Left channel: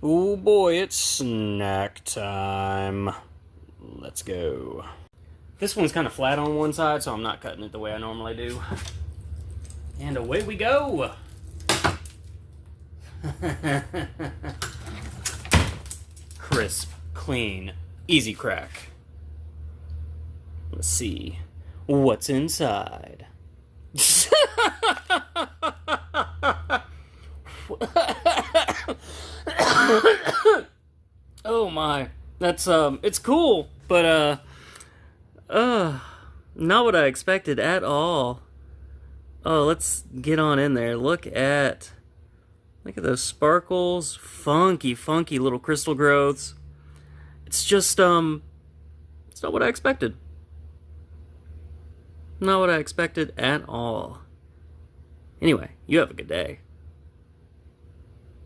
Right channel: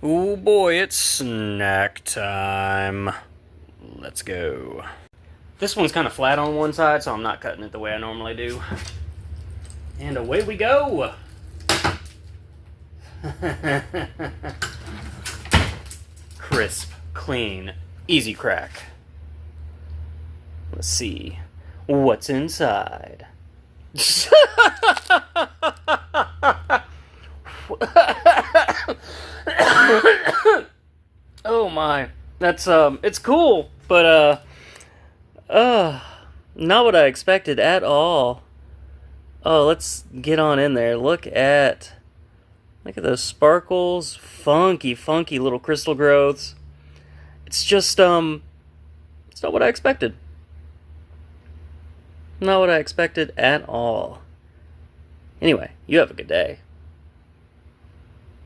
Oh boy, it's snack time. Let's go. This one's kind of flat on one side, so I'm not cutting it the way I normally do. And away we go. Crisp, clean, easy crack. Let's see what's inside. Oh my, that's it's cool, but not what I expected at all. Oh, let's get on in there. Look at those sparkles, funky little crystal growths. It's just it's not what I expected. Not what I expected at all. Anyway, you have a good day.